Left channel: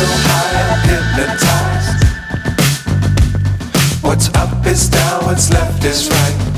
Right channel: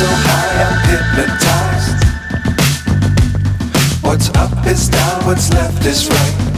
so high, I'm hypnotized. What's up is down, what's left is right.